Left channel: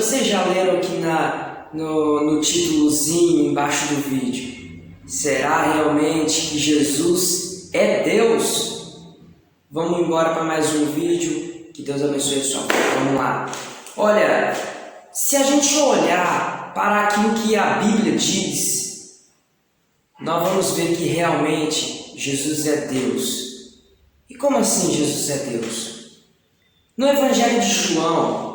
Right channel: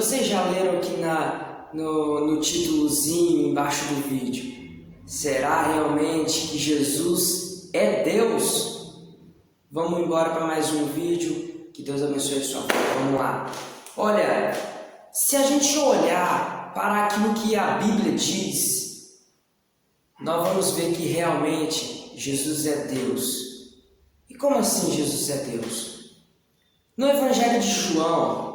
vocês já leram aqui no títulozinho embaixo do vídeo? Será realmente que Jesus é Deus? Vamos embora para mais um vídeo. Que Deus abençoe a sua vida. Vamos lá. Olha, se a gente olhar para aquilo que a Bíblia diz, nós vamos ver que realmente Jesus é Deus. E como assim Jesus é Deus? No Evangelho de João,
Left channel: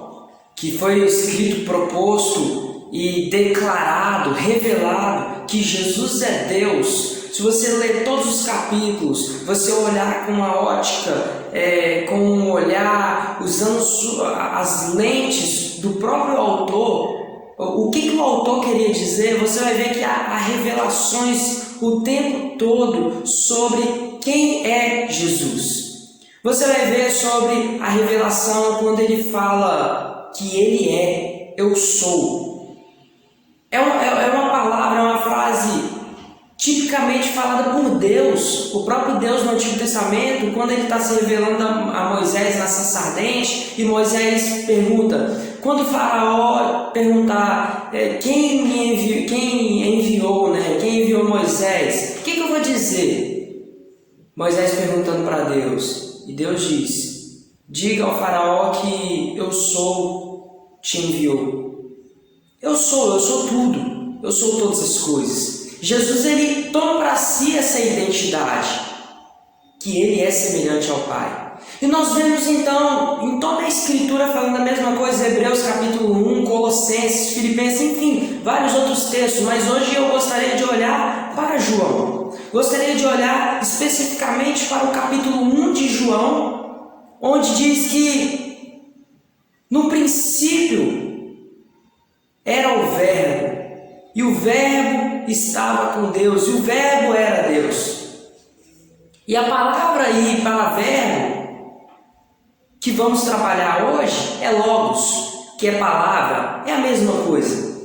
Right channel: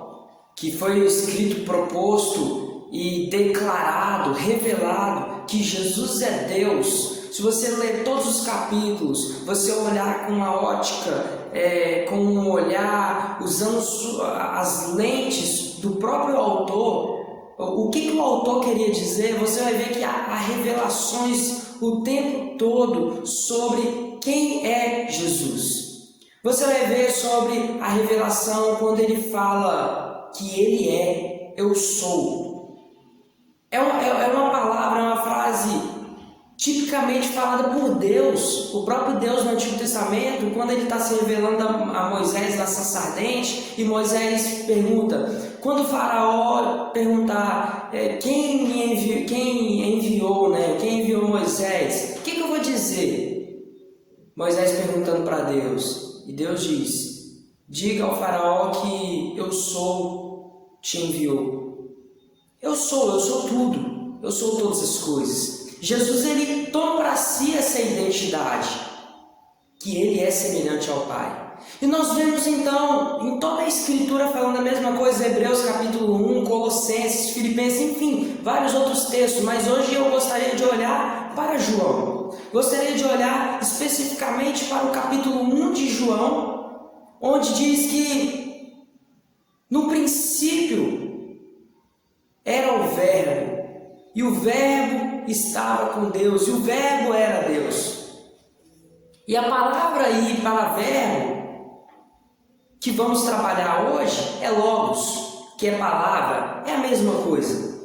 que foi escrito, proposto e declarado, revelado que Jesus é Deus, se você ler todos os capítulos, você olhar com uma ótica, com um olhar, usando as lentes do próprio autor, o que o autor queria dizer, você vai ver que há revelações o tempo todo sobre quem é Jesus. Você vai ver sobre a revelação quando ele fala que ele é, eu sou. É uma palavra, é uma frase tipicamente falada por Deus, o próprio Deus no Antigo Testamento, quando ele está se revelando a Moisés na sarça ardente, e Moisés pergunta, quando o faraó perguntar quem enviou Moisés, o que eu vou dizer? Moisés perguntando para Deus, e Deus diz, diga ao faraó que eu sou, te enviou. Eu sou tudo, eu sou todas as coisas. Jesus, ele toma para si essa identidade, que ele é semelhante ao Pai. E nós vemos então, em toda a Escritura falando a mesma coisa, Hebreus capítulo 1, Colossenses, Filipenses, enfim, vários outros textos, mas hoje eu gostaria de olhar para João. Gostaria de olhar especificamente para o capítulo 1 de João, onde diz que no princípio era o Verbo, e o Verbo estava com Deus, e o Verbo era Deus. E a palavra aí para verbo que vamos trabalhar hoje é logos, que é palavra, é a mesma coisa.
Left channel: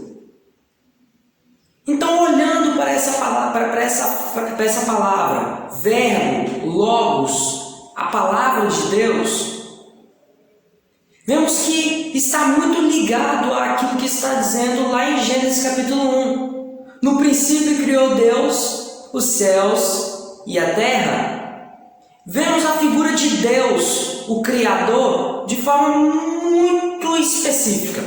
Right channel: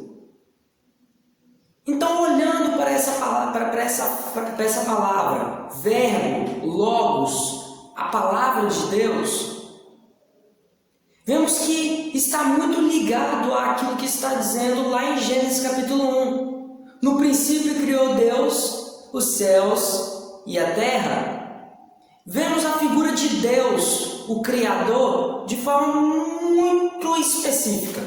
Então, olhando para essa palavra, verbo, logos, a palavra de Deus, vemos que está muito ligado àquilo que está dizendo lá em Gênesis capítulo 1. No princípio criou Deus os céus e a terra. Vemos a figura de Deus, o Criador, de forma muito específica.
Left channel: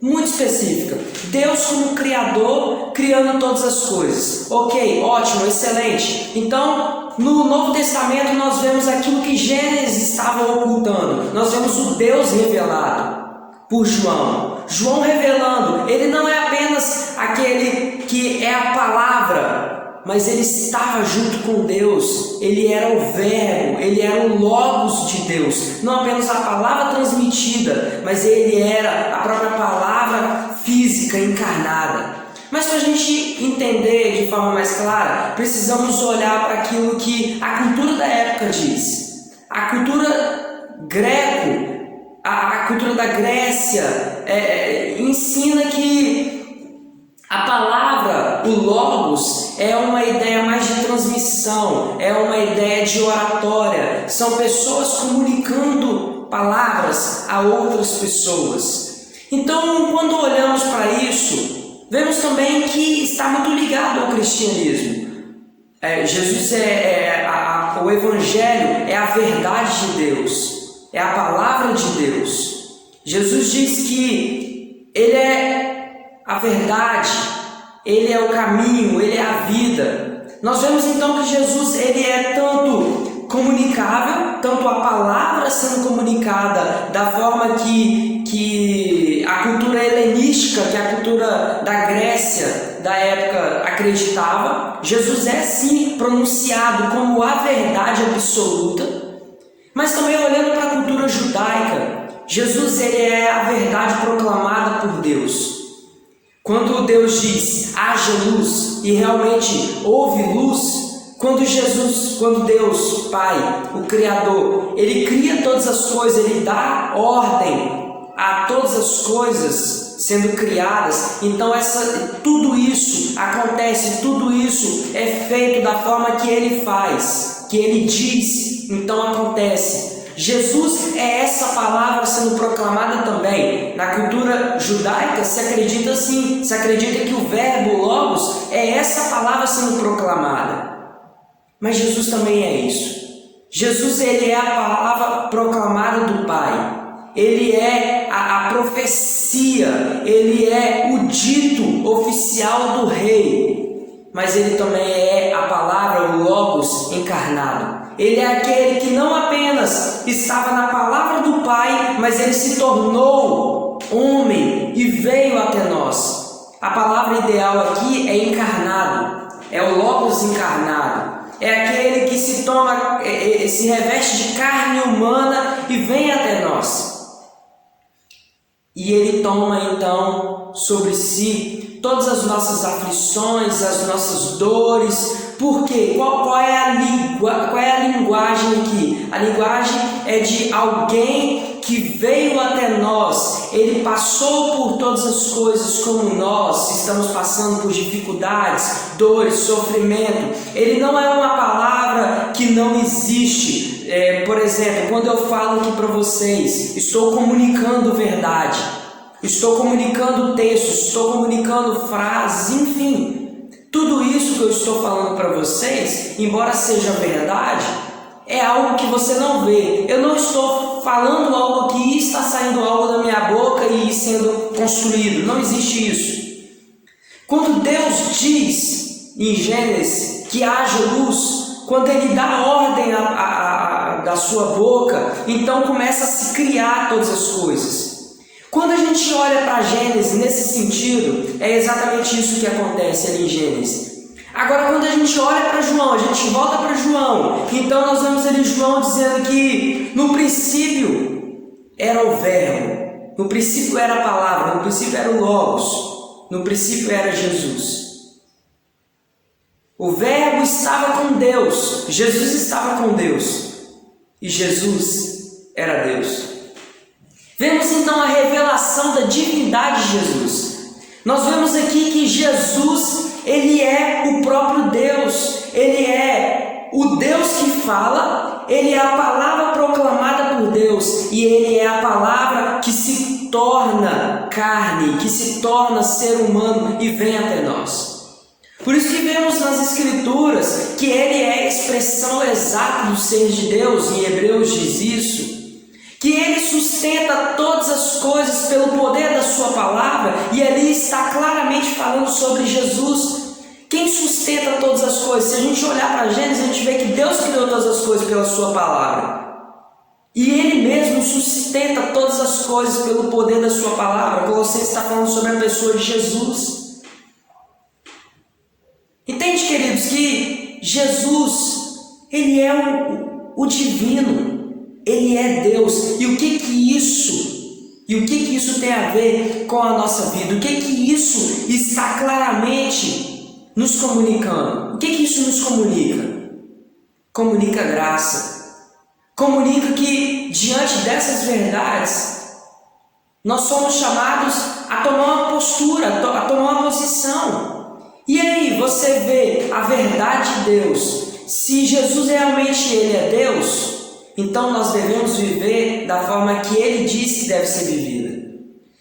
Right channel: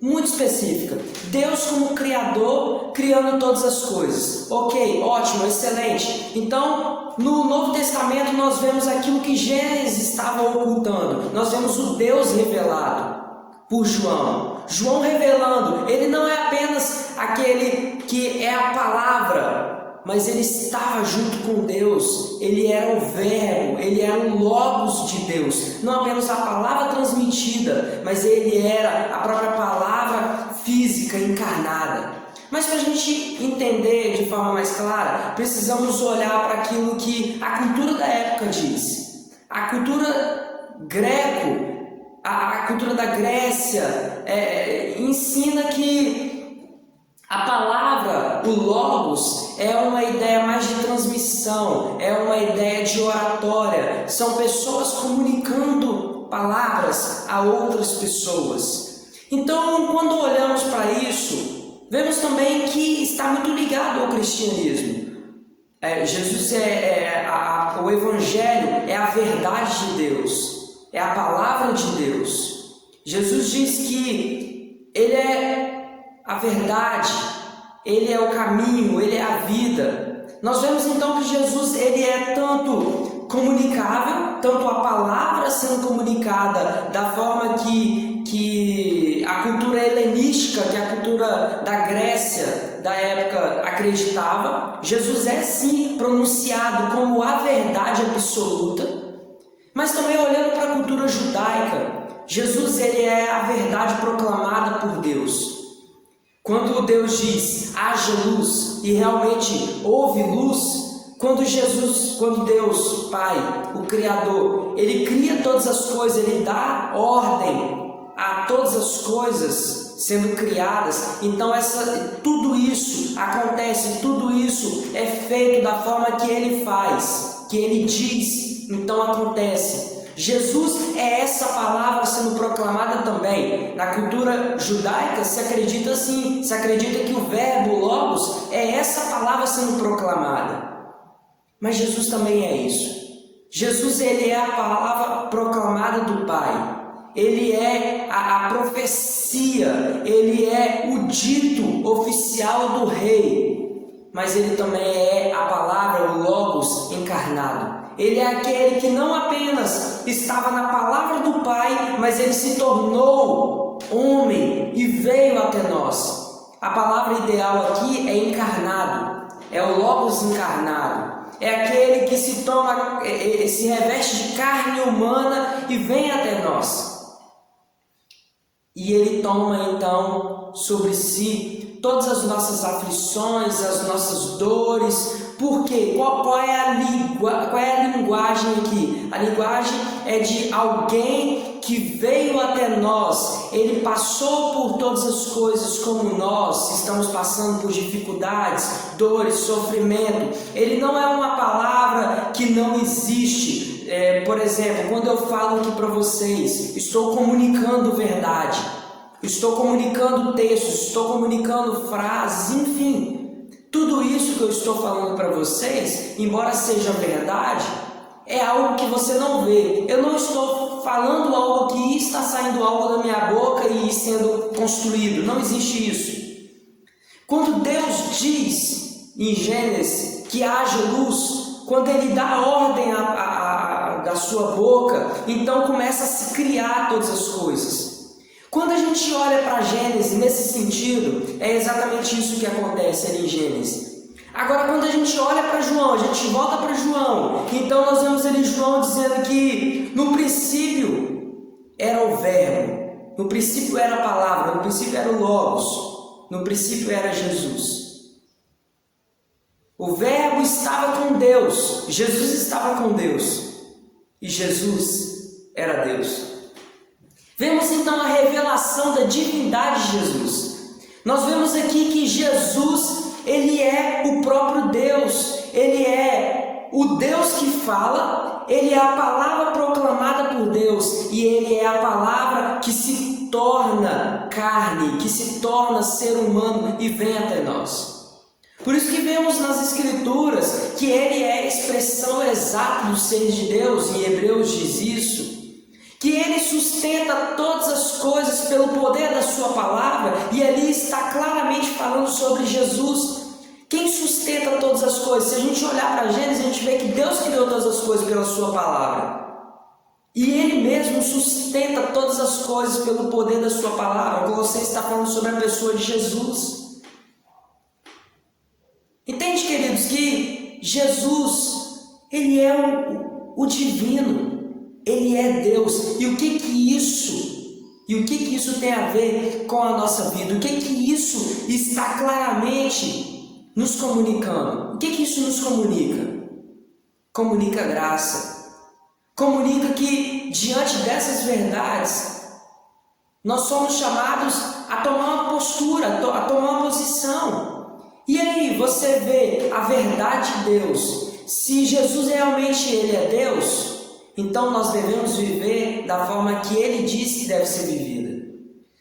Muito específica. Deus como Criador, criando todas as coisas. Ok, ótimo, excelente. Então, no Novo Testamento nós vemos aquilo que Gênesis estava ocultando. Nós vemos o Deus revelado por João. João revelando, ele não é apenas aquele que é a palavra, mas ele estava junto com Deus, ele era o verbo, ele era o logos de Deus, não apenas a palavra transmitida, mas ele era a própria palavra física encarnada. Mas para a gente entender de forma mais clara, precisamos olhar para aquilo que a cultura da época diz. A cultura a cultura da Grécia ensina que a palavra, o logos, é uma ideia mais de transmissão, é uma ideia de oratória. São pessoas comunicando palavras a outras pessoas. Então, quando olhamos para isso, vemos também que está muito ligado ao cristianismo. Jesus o Evangelho é a verdade de Deus, é a palavra de Deus. Jesus diz que Ele é a verdade, Ele é o caminho, Ele é a vida. Nós vemos então que Jesus, Ele é tanto comunicável, tanto a palavra sendo comunicada da forma que a cultura helenística, que a cultura da Grécia da época acreditava. Jesus é sim pronunciado como a verdade absoluta, mas também olhando para a cultura judaica, Jesus, Ele é a verdade proclamada por Deus. Quando Deus diz, haja luz, e realmente houve luz, quando Deus, Pai, o Criador, Ele cria todas as coisas, Ele dá ordem a todas as coisas sendo criadas, então tudo isso acontece, tudo isso é feito da forma que Ele faz, que Ele diz, então acontece. Jesus é essa palavra sendo proclamada também. Na cultura judaica se acredita assim, se acredita que o verbo logos é essa palavra sendo proclamada. Mas Jesus também é isso. Jesus, ele é a palavra proclamada do Pai. Ele é a profecia, ele é o dito oficial do rei. Mas ele também é a palavra, o logos encarnado. Ele é aquele que não apenas estava na palavra do Pai, mas ele se tornou homem e veio até nós. A palavra ideal aqui é encarnado, é o logos encarnado. É aquele que se reveste de carne humana e vem até nós. E ele toma então sobre si todas as nossas aflições, as nossas dores. Por quê? Qual é a linguagem aqui? A linguagem é de alguém que veio até nós. Ele passou por todas as coisas como nós estamos passando por dificuldades, dores, sofrimento. Ele não é uma palavra que não existe. Por exemplo, quando eu falo aqui para vocês, estou comunicando verdade, estou comunicando textos, estou comunicando frases, enfim. Tudo isso que eu estou falando para vocês, embora seja verdade, é algo que você não vê. Eu não estou falando algo que está saindo algo da minha boca e sendo construído. Não existe isso. Quando Deus diz em Gênesis que haja luz, quando Ele dá a ordem da sua boca, então começa a se criar todas as coisas. Quando a gente olha para Gênesis nesse sentido, é exatamente isso que acontece ali em Gênesis. Agora, quando a gente olha para João, a gente volta para João, então nós vemos ali João dizendo que no princípio era o verbo, no princípio era a palavra, no princípio era o logos, no princípio era Jesus. O verbo estava com Deus, Jesus estava com Deus e Jesus era Deus. Vemos então a revelação da divindade de Jesus. Nós vemos aqui que Jesus, ele é o próprio Deus, ele é o Deus que fala, ele é a palavra proclamada por Deus e ele é a palavra que se torna carne, que se torna ser humano e vem até nós. Por isso que vemos nas Escrituras que ele é a expressão exata do ser de Deus, em Hebreus diz isso, que ele sustenta todas as coisas pelo poder da sua palavra, e ali está claramente falando sobre Jesus. Quem sustenta todas as coisas? Se a gente olhar para Gênesis, a gente vê que Deus criou todas as coisas pela sua palavra. E ele mesmo sustenta todas as coisas pelo poder da sua palavra. Colossenses está falando sobre a pessoa de Jesus. Entende, queridos, que Jesus, ele é o divino. Ele é Deus. E o que isso tem a ver com a nossa vida? O que isso está claramente nos comunicando? O que isso nos comunica? Comunica graça. Comunica que diante dessas verdades nós somos chamados a tomar uma postura, a tomar uma posição. E aí você vê a verdade de Deus. Se Jesus realmente ele é Deus, então nós devemos viver da forma que ele disse que deve ser vivida.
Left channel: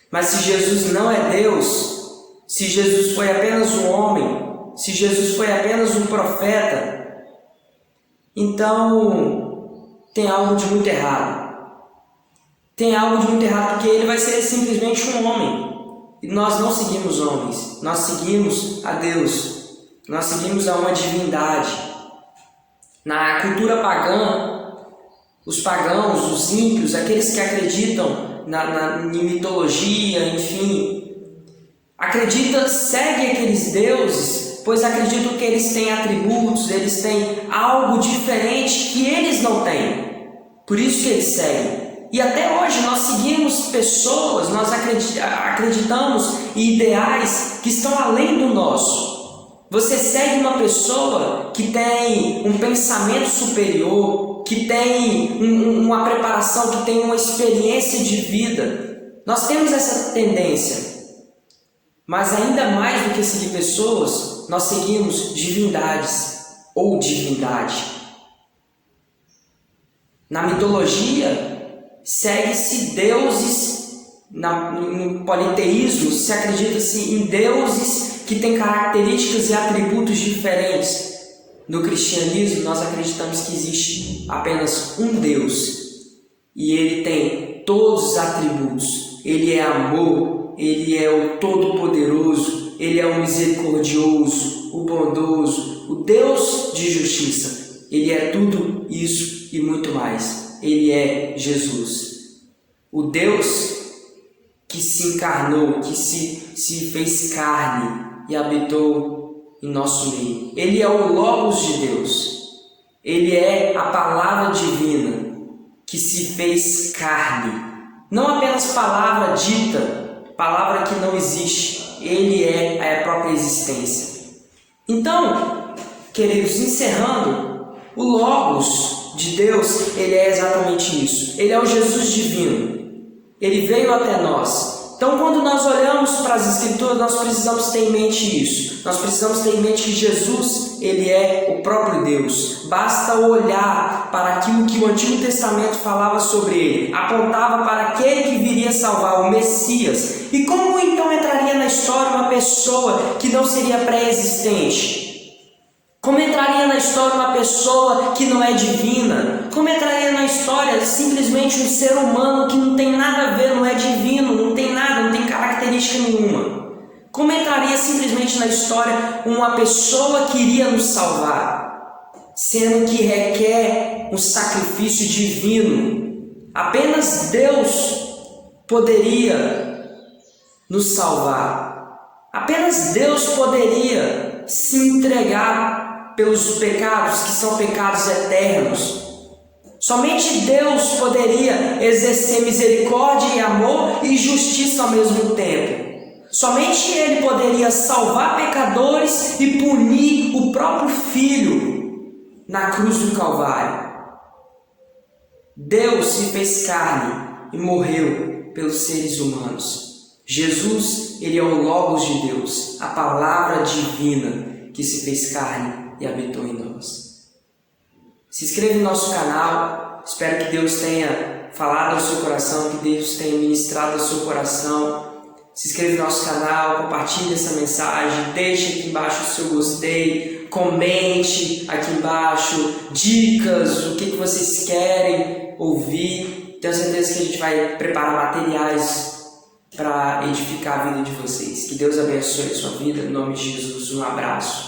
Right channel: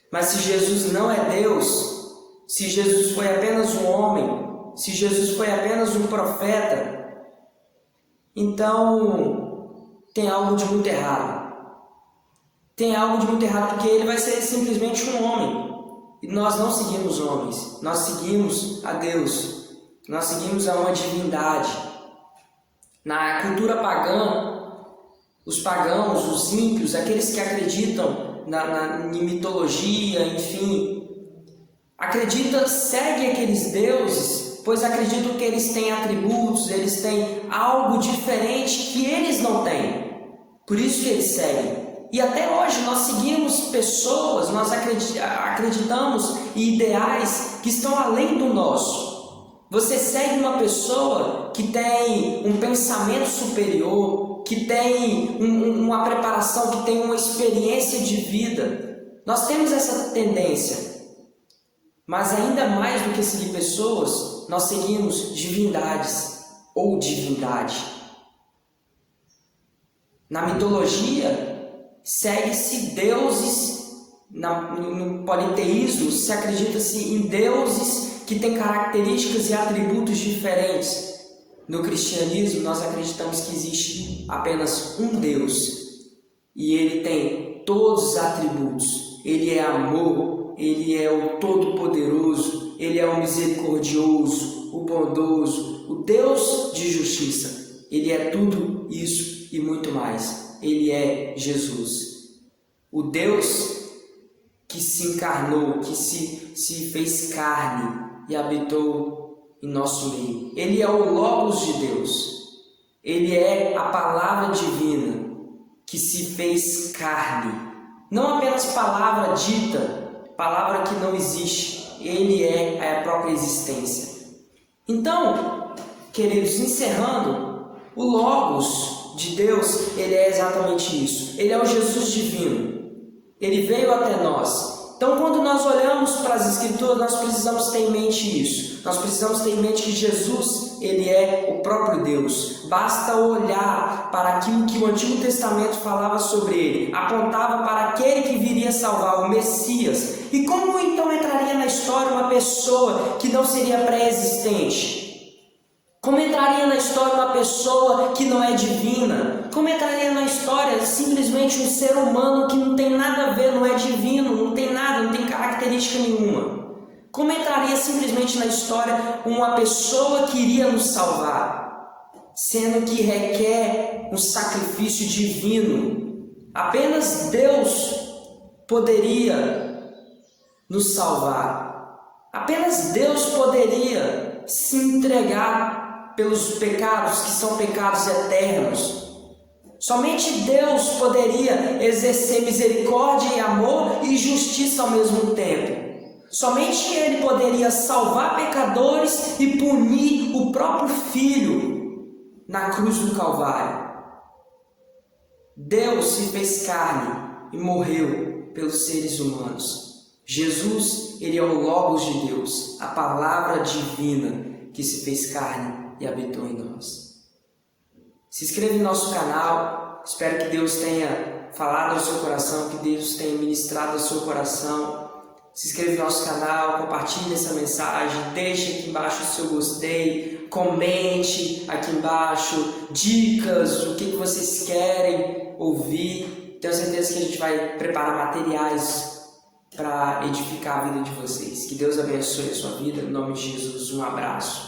Mas se Jesus não é Deus, se Jesus foi apenas um homem, se Jesus foi apenas um profeta, então tem algo de muito errado. Tem algo de muito errado porque ele vai ser simplesmente um homem. E nós não seguimos homens, nós seguimos a Deus, nós seguimos a uma divindade. Na cultura pagã, os pagãos, os ímpios, aqueles que acreditam em mitologia, enfim, seguem aqueles deuses, pois acreditam que eles têm atributos, eles têm algo diferente que eles não têm. Por isso que eles seguem. E até hoje nós seguimos pessoas, nós acreditamos em ideais que estão além do nosso. Você segue uma pessoa que tem um pensamento superior, que tem uma preparação, que tem uma experiência de vida. Nós temos essa tendência. Mas ainda mais do que seguir pessoas, nós seguimos divindades ou divindade. Na mitologia, segue-se deuses, no politeísmo, se acredita-se em deuses que têm características e atributos diferentes. No cristianismo, nós acreditamos que existe apenas um Deus e Ele tem todos os atributos. Ele é amor, Ele é o Todo-Poderoso, Ele é o Misericordioso, o Bondoso, o Deus de justiça. Ele é tudo isso e muito mais. Ele é Jesus, o Deus que se encarnou, que se fez carne e habitou em nosso meio. Ele é o Logos de Deus. Ele é a palavra divina que se fez carne. Não apenas palavra dita, palavra que não existe. Ele é a própria existência. Então, queridos, encerrando, o Logos de Deus, ele é exatamente isso. Ele é o Jesus divino. Ele veio até nós. Então, quando nós olhamos para as Escrituras, nós precisamos ter em mente isso. Nós precisamos ter em mente que Jesus, ele é o próprio Deus. Basta olhar para aquilo que o Antigo Testamento falava sobre ele. Apontava para aquele que viria salvar, o Messias. E como então entraria na história uma pessoa que não seria pré-existente? Como entraria na história uma pessoa que não é divina? Como entraria na história simplesmente um ser humano que não tem nada a ver, não é divino, não tem nada, não tem característica nenhuma? Como entraria simplesmente na história uma pessoa que iria nos salvar, sendo que requer um sacrifício divino? Apenas Deus poderia nos salvar. Apenas Deus poderia se entregar pelos pecados que são pecados eternos. Somente Deus poderia exercer misericórdia e amor e justiça ao mesmo tempo. Somente Ele poderia salvar pecadores e punir o próprio Filho na cruz do Calvário. Deus se fez carne e morreu pelos seres humanos. Jesus, ele é o Logos de Deus, a palavra divina que se fez carne e habitou em nós. Se inscreva no nosso canal, espero que Deus tenha falado ao seu coração, que Deus tenha ministrado ao seu coração. Se inscreva no nosso canal, compartilhe essa mensagem, deixe aqui embaixo o seu gostei, comente aqui embaixo dicas, o que vocês querem ouvir. Tenho certeza que a gente vai preparar materiais para edificar a vida de vocês. Que Deus abençoe a sua vida, em nome de Jesus. Um abraço.